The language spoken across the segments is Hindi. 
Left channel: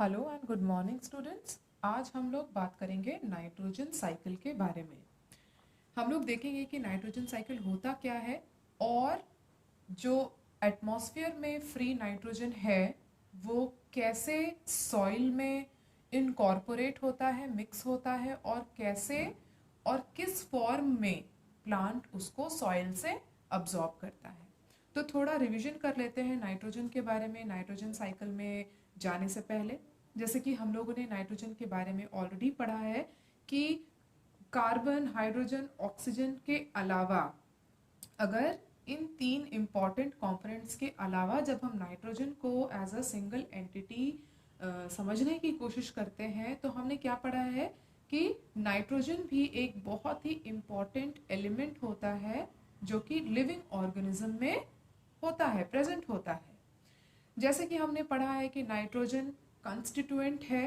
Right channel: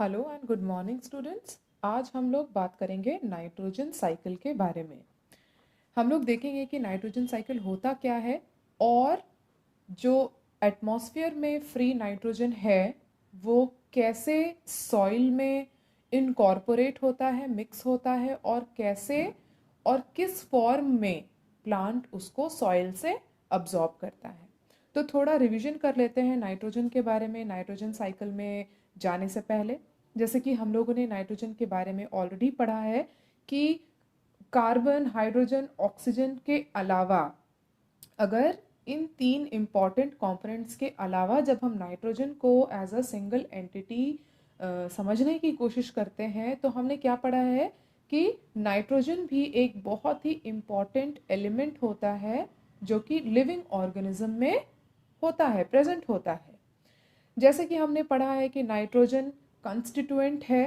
Hello and good morning students. आज हम लोग बात करेंगे नाइट्रोजन साइकिल के बारे में। हम लोग देखेंगे कि नाइट्रोजन साइकिल होता क्या है और जो एटमॉस्फेयर में फ्री नाइट्रोजन है वो कैसे सॉइल में इनकॉर्पोरेट होता है, मिक्स होता है और कैसे और किस फॉर्म में प्लांट उसको सॉइल से अब्जॉर्ब करता है। तो थोड़ा रिवीजन कर लेते हैं नाइट्रोजन के बारे में नाइट्रोजन साइकिल में जाने से पहले। जैसे कि हम लोगों ने नाइट्रोजन के बारे में ऑलरेडी पढ़ा है कि कार्बन, हाइड्रोजन, ऑक्सीजन के अलावा अगर इन तीन इंपॉर्टेंट कंपोनेंट्स के अलावा जब हम नाइट्रोजन को एज अ सिंगल एंटिटी समझने की कोशिश करते हैं तो हमने क्या पढ़ा है कि नाइट्रोजन भी एक बहुत ही इम्पॉर्टेंट एलिमेंट होता है जो कि लिविंग ऑर्गेनिज्म में होता है, प्रेजेंट होता है। जैसे कि हमने पढ़ा है कि नाइट्रोजन कंस्टिट्यूएंट है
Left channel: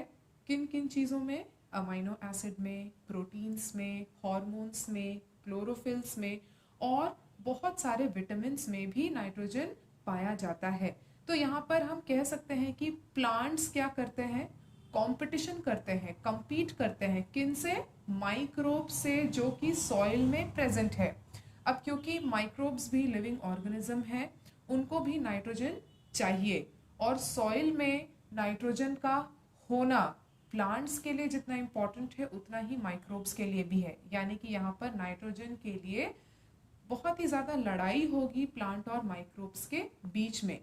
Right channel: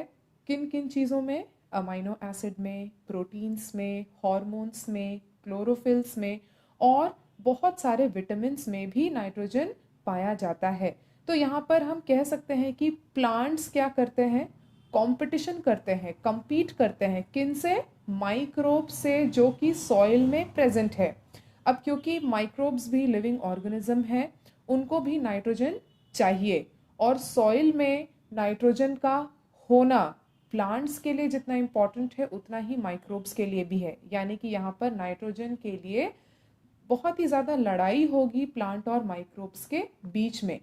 किन किन चीज़ों में, अमीनो एसिड में, प्रोटीन्स में, हार्मोन्स में, क्लोरोफिल्स में और बहुत सारे विटामिन्स में भी नाइट्रोजन पाया जाता है। तो यहाँ पर हम कह सकते हैं कि प्लांट्स क्या करते हैं, कंपटीशन करते हैं, compete करते हैं किन से, माइक्रोब से जो कि सॉइल में प्रेजेंट है। अब क्योंकि माइक्रोब्स भी लिविंग ऑर्गेनिज्म है, उनको भी नाइट्रोजन चाहिए और सॉइल में नाइट्रोजन का होना प्लांट्स के लिए जितना इम्पोर्टेंट है उतना ही माइक्रोब्स के लिए भी है। यानी कि यहाँ पर नाइट्रोजन के लिए बहुत ही ज़्यादा लड़ाई होगी प्लांट और माइक्रोब्स के बीच में।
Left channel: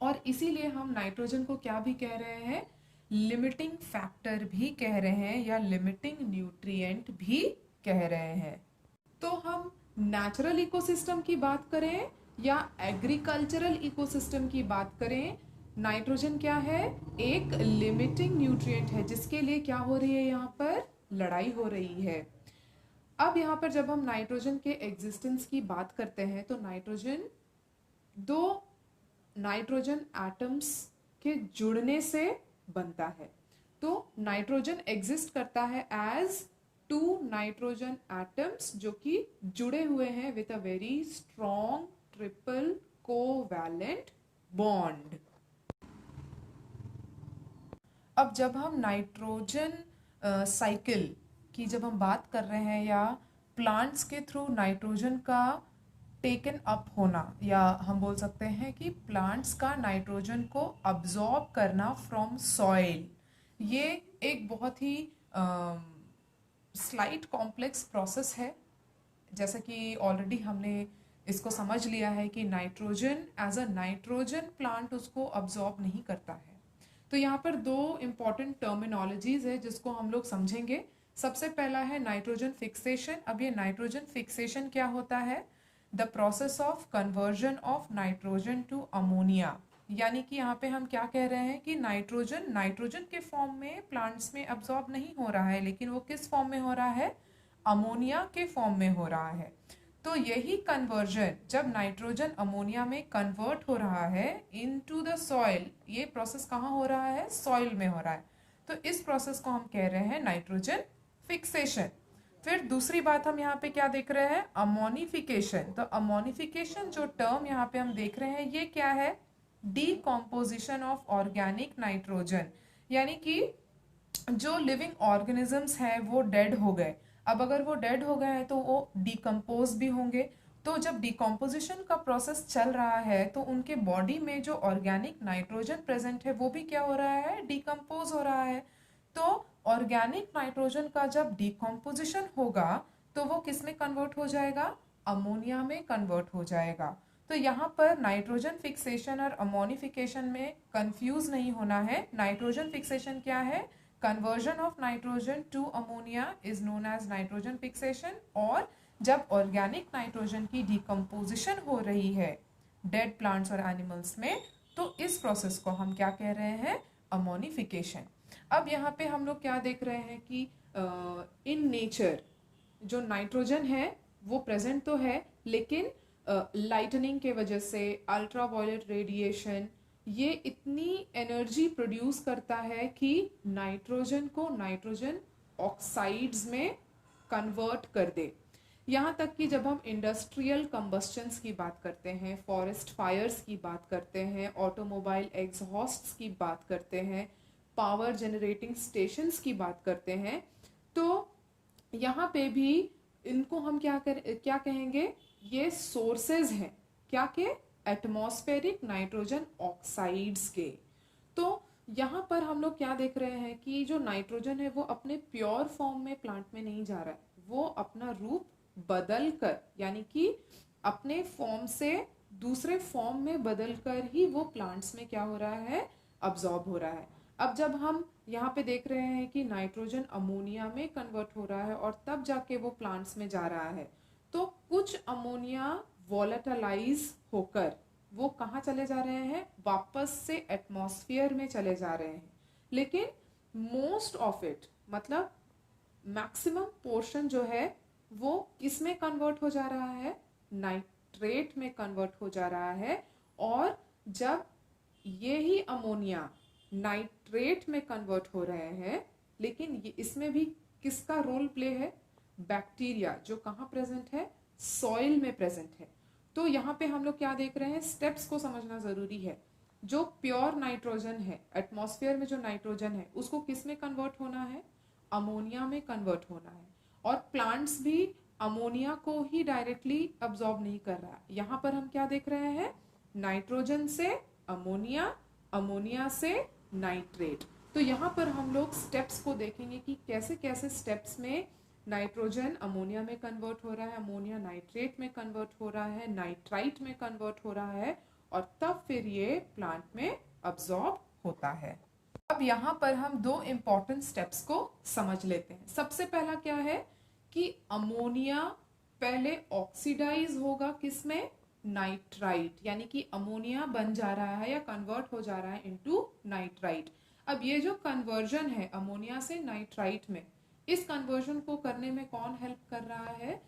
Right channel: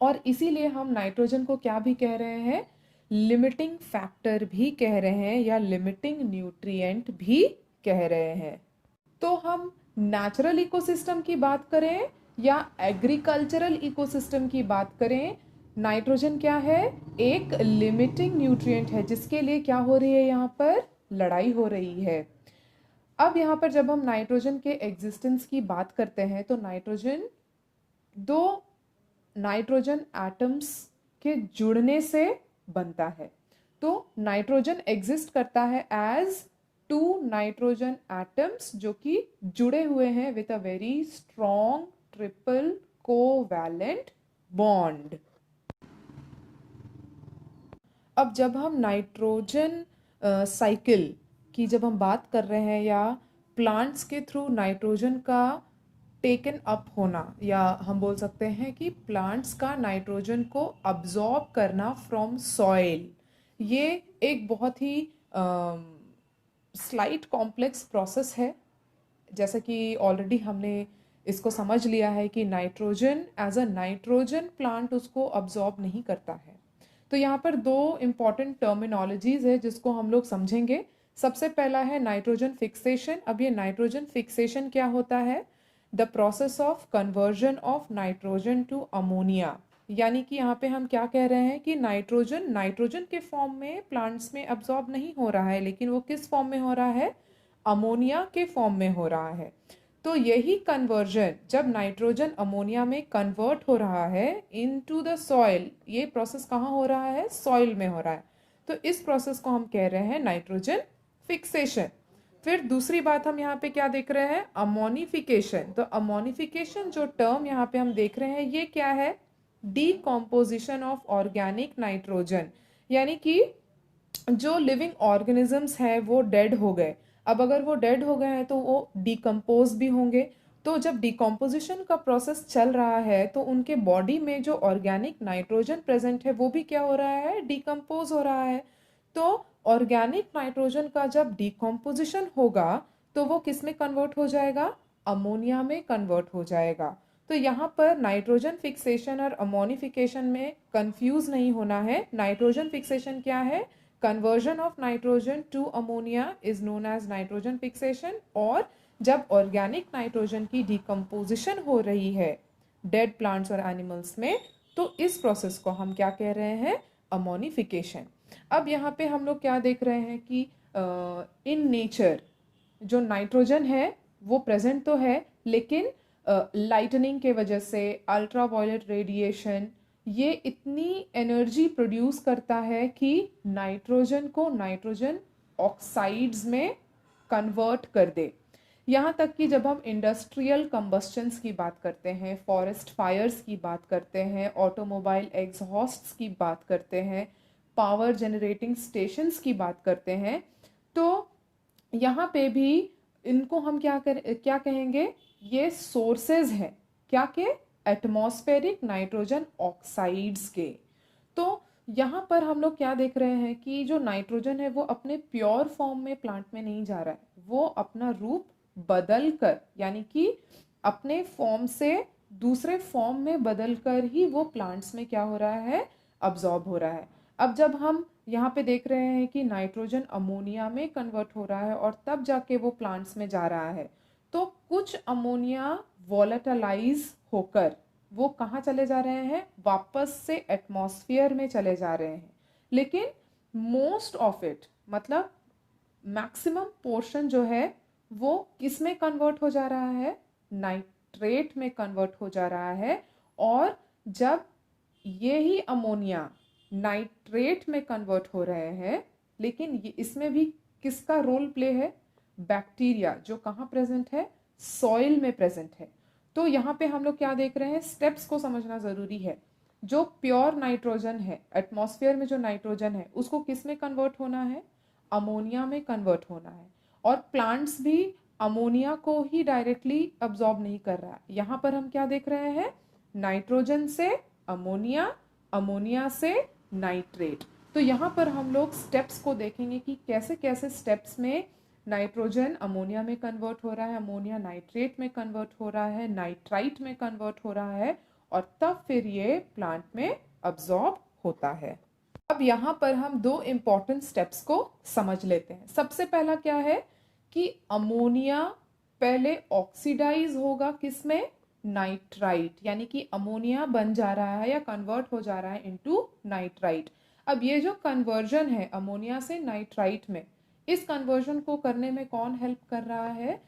और इसीलिए हम नाइट्रोजन को क्या भी कह रहे हैं, लिमिटिंग फैक्टर भी कह रहे हैं या लिमिटिंग न्यूट्रिएंट भी कह रहे हैं। तो हम नेचुरल इकोसिस्टम की बात करें या एग्रीकल्चरल इकोसिस्टम की बात करें, नाइट्रोजन क्या है, एक लिमिटिंग न्यूट्रिएंट है जिसके लिए क्या हो रही है, यहाँ पर लड़ाई हो रही है। अब यहाँ पर जब हम नाइट्रोजन के एग्जिस्टेंस की बात करते हैं तो नाइट्रोजन दो नाइट्रोजन एटम्स के जुड़ने से बनता है। तो नाइट्रोजन एग्जिस्ट करता है एज टू नाइट्रोजन एटम्स जो कि जुड़े हुए हैं with a very strong triple covalent bond. अब जब हम नाइट्रोजन साइकिल की जब हम बात कर रहे हैं या प्लांट्स के थ्रू नाइट्रोजन का टेकन अप होना, या हम बोल सकते हैं कि प्लांट्स का नाइट्रोजन को अब्जॉर्ब करना फ्रॉम सॉइल, ये एक बहुत ही स्लाइट कॉम्प्लेक्स प्रोसेस है। जैसे कि ऑलरेडी हमने इसको समझ लिया है कि nitrogen as a nitrogen plant उसको अब्जॉर्ब नहीं करता है। तो यहाँ पर दो इम्पॉर्टेंट टर्मिनोलॉजीज है जिसको हम लोग समझेंगे। सबसे पहला है नाइट्रोजन फिक्सेशन। अब ये नाइट्रोजन फिक्सेशन क्या होता है, the process of conversion of nitrogen to ammonia. यानी कि यहाँ पे हम क्या कह रहे हैं कि नाइट्रोजन नाइट्रोजन के फॉर्म में प्लांट्स में अब्सॉर्ब नहीं हो रहा है, लेकिन वो किस फॉर्म में हो रहा है, अमोनिया के फॉर्म में हो रहा है। तो यही कन्वर्जन जब नाइट्रोजन अमोनिया में कन्वर्ट हो रहा है इनटू द सॉइल, ये प्रोसेस कहाँ हो रहा है, सॉइल में हो रहा है। तो इस प्रोसेस को हम कह रहे हैं नाइट्रोजन फिक्सेशन। फिर दूसरी बात हम यहाँ पे क्या देख रहे हैं, अमोनिफिकेशन। तो अमोनिफिकेशन जो टर्म यहाँ पे हम देख रहे हैं ये क्या है, डीकॉम्पोजिशन ऑफ ऑर्गेनिक नाइट्रोजन। यानी कि जो लिविंग ऑर्गेनिजम्स हैं वो डेड हो गए। अब अगर वो डेड हो गए हैं तो वो डिकम्पोज भी होंगे। तो जब डिकम्पोजिशन का प्रोसेस चल रहा है तो उनके बॉडी में जो ऑर्गेनिक नाइट्रोजन प्रेजेंट है वो भी क्या हो रहा है, डिकम्पोज हो रहा है। तो ऑर्गेनिक नाइट्रोजन का जब डिकम्पोजिशन होगा तो वो किस में कन्वर्ट हो जाएगा, अमोनिया में कन्वर्ट हो जाएगा। तो यहाँ पर नाइट्रोजन फिक्सेशन और अमोनिफिकेशन में कंफ्यूज नहीं होना है। नाइट्रोजन फिक्सेशन क्या है, conversion of nitrogen to ammonia is known as nitrogen fixation. और जब ऑर्गेनिक नाइट्रोजन की डिकम्पोजिशन हो रही है डेड प्लांट्स और एनिमल्स में तो इस प्रोसेस को हम क्या कह रहे हैं, अमोनिफिकेशन। अब यहाँ पे हम लोग क्या देख रहे हैं कि इन नेचर जो नाइट्रोजन है वो प्रेजेंट तो है, लेकिन लाइटनिंग के वजह से, अल्ट्रा वायलेट रेडिएशन, ये इतनी एनर्जी प्रोड्यूस करता है कि नाइट्रोजन को नाइट्रोजन ऑक्साइड्स में कन्वर्ट कर दे। यहाँ तक कि जब हम इंडस्ट्रियल कंबस्टन्स की बात करते हैं, फॉरेस्ट फायर्स की बात करते हैं, ऑटोमोबाइल एग्जॉस्ट्स की बात करते हैं, पावर जनरेटिंग स्टेशंस की बात करते हैं, तो यहाँ पे भी इनको हम क्या कहेंगे, ये सोर्सेज हैं क्या के, एटमॉस्फेरिक नाइट्रोजन ऑक्साइड्स के। तो यहाँ पर हम लोग क्या देख रहे हैं कि जो नाइट्रोजन है वो अपने प्योर फॉर्म में प्लांट में नहीं जा रहा है, वो अपना रूप बदल कर, यानी कि अपने फॉर्म से दूसरे फॉर्म में बदल कर ही वो प्लांट्स में क्या हो रहा है, अब्जॉर्ब हो रहा है। अब जब हम यहाँ पे देख रहे हैं कि नाइट्रोजन अमोनिया में कन्वर्ट हो रहा है और तब जाके वो प्लांट्स में जा रहा है, तो कुछ अमोनिया वॉलेटालाइज होकर वो कहाँ चले जा रहे हैं, वापस से एटमॉस्फेयर में चले जा रहे हैं। लेकिन मोस्ट ऑफ इट, मतलब मैक्सिमम पोर्शन जो है वो किस में कन्वर्ट हो जा रहा है, नाइट्रेट में कन्वर्ट हो जा रहा है। और जब ये ही अमोनिया नाइट्रेट में कन्वर्ट हो रहे हैं, लेकिन इसमें भी किसका रोल प्ले है, बैक्टीरिया, जो कहाँ प्रेजेंट है, सॉइल में प्रेजेंट है। तो यहाँ पे हम लोग क्या देख रहे हैं, स्टेप्स को समझना जरूरी है। जो प्योर नाइट्रोजन है, एटमॉस्फेयर में जो नाइट्रोजन है, उसको किस में कन्वर्ट होना है, अमोनिया में कन्वर्ट होना है। और प्लांट्स भी अमोनिया को ही डायरेक्टली अब्सॉर्ब नहीं कर रहा। यहाँ पर हम क्या देख रहे हैं, नाइट्रोजन से अमोनिया, अमोनिया से नाइट्रेट। तो यहाँ पर हम लोग स्टेप्स को देखेंगे कि कैसे कैसे स्टेप्स में नाइट्रोजन अमोनिया में कन्वर्ट हो रहा है, अमोनिया नाइट्रेट में कन्वर्ट हो रहा है, नाइट्राइट में कन्वर्ट हो रहा है, और तब फिर ये प्लांट में अब्सॉर्ब होता है। अब यहाँ पर हम दो इंपॉर्टेंट स्टेप्स को समझ लेते हैं। सबसे पहला क्या है कि अमोनिया पहले ऑक्सीडाइज होगा किसमें, नाइट्राइट, यानी कि अमोनिया बन जा रहा है या कन्वर्ट हो जा रहा है इनटू नाइट्राइट। अब ये जो कन्वर्जन है अमोनिया से नाइट्राइट में, इस कन्वर्जन को करने में कौन हेल्प कर रहा है,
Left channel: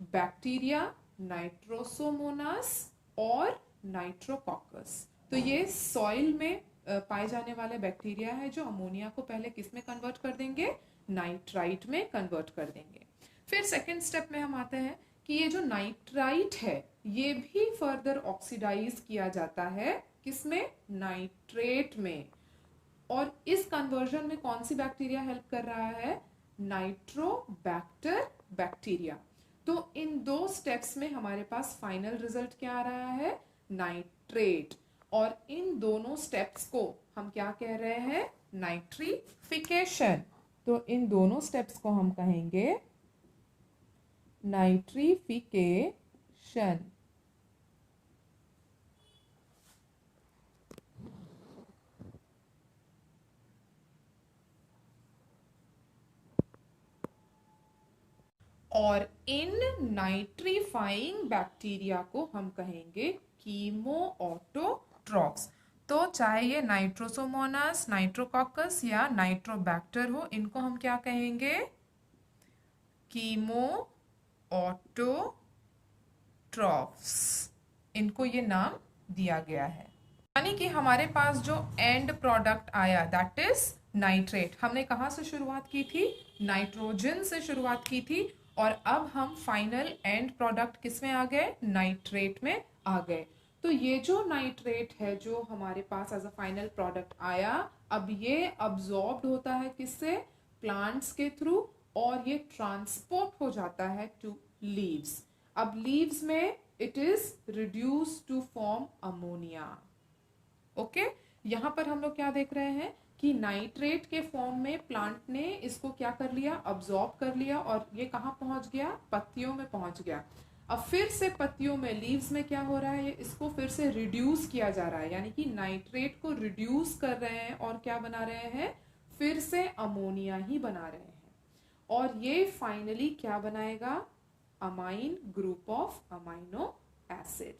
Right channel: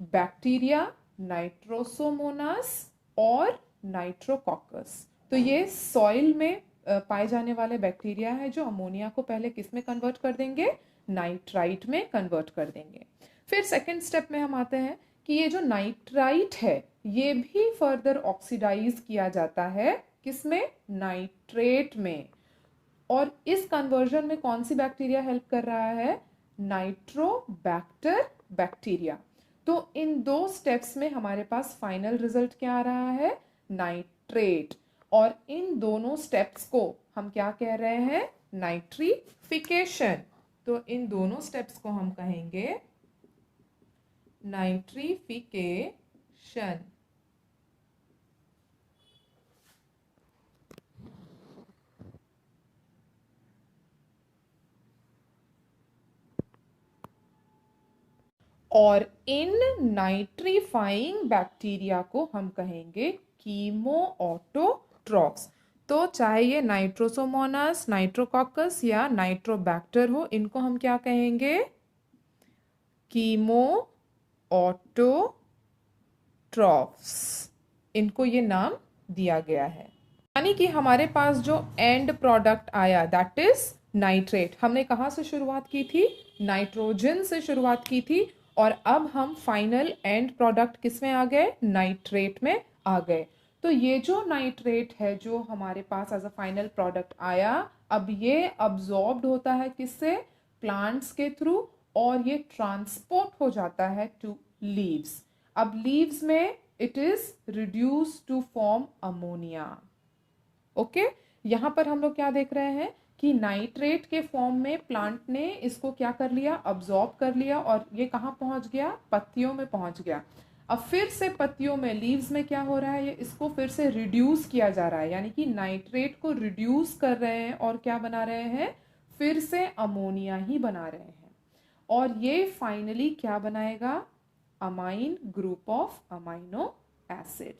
बैक्टीरिया, नाइट्रोसोमोनास और नाइट्रोकॉकस। तो ये सॉइल में पाए जाने वाले बैक्टीरिया है जो अमोनिया को पहले किस में कन्वर्ट कर देंगे, नाइट्राइट में कन्वर्ट कर देंगे। फिर सेकेंड स्टेप में हम आते हैं कि ये जो नाइट्राइट है ये भी फर्दर ऑक्सीडाइज किया जाता है किसमें, नाइट्रेट में। और इस कन्वर्जन में कौन सी बैक्टीरिया हेल्प कर रहा है, नाइट्रोबैक्टर बैक्टीरिया। तो इन दो स्टेप्स में हमारे पास फाइनल रिजल्ट क्या आ रहा है, नाइट्रेट। और इन दोनों स्टेप्स को हम क्या कह रहे हैं, नाइट्रीफिकेशन। तो इन दोनों स्टेप्स को हम कहेंगे नाइट्रीफिकेशन। और इन नाइट्रीफाइंग बैक्टीरिया को हम कहेंगे कीमोऑटोट्रॉफ्स। तो चाहे ये नाइट्रोसोमोनास, नाइट्रोकॉकस या नाइट्रोबैक्टर हो, इनको हम क्या कहेंगे, कीमोऑटोट्रॉफ्स। इनको ये नाम दिया गया है। यानी कि हमारे पास जो एंड प्रोडक्ट आया दैट इज नाइट्रेट। हमने कहाँ से शुरुआत की थी, नाइट्रोजन से शुरुआत की थी, और अब हम फाइनल एंड प्रोडक्ट किस में आ गए, नाइट्रेट में आ गए। तो ये जो नाइट्रेट है जो हमारे पास एज अ फाइनल प्रोडक्ट आया, अब ये अब्सॉर्ब्ड होता है किससे, प्लांट्स के थ्रू, और ये ट्रांसपोर्ट हो जाता है टू लीव्स। अब लीव्स में it is reduce to form ammonia. Okay, यहाँ पर हम लोग क्या देख रहे हैं कि नाइट्रेट के फॉर्म में प्लांट ने इसको क्या कर लिया, अब्सॉर्ब कर लिया, और ये कहाँ पहुंच गया, पत्तियों में पहुंच गया। अब फिर से पत्तियों में, लीव्स में क्या हो रहा है, ये इसको फिर से रिड्यूस किया जा रहा है, यानी कि नाइट्रेट को रिड्यूस कर रहे हैं और क्या बना रहे हैं, फिर से अमोनिया ही बना रहे हैं। और ये फाइनली क्या बनाएगा, amine group of amino acid.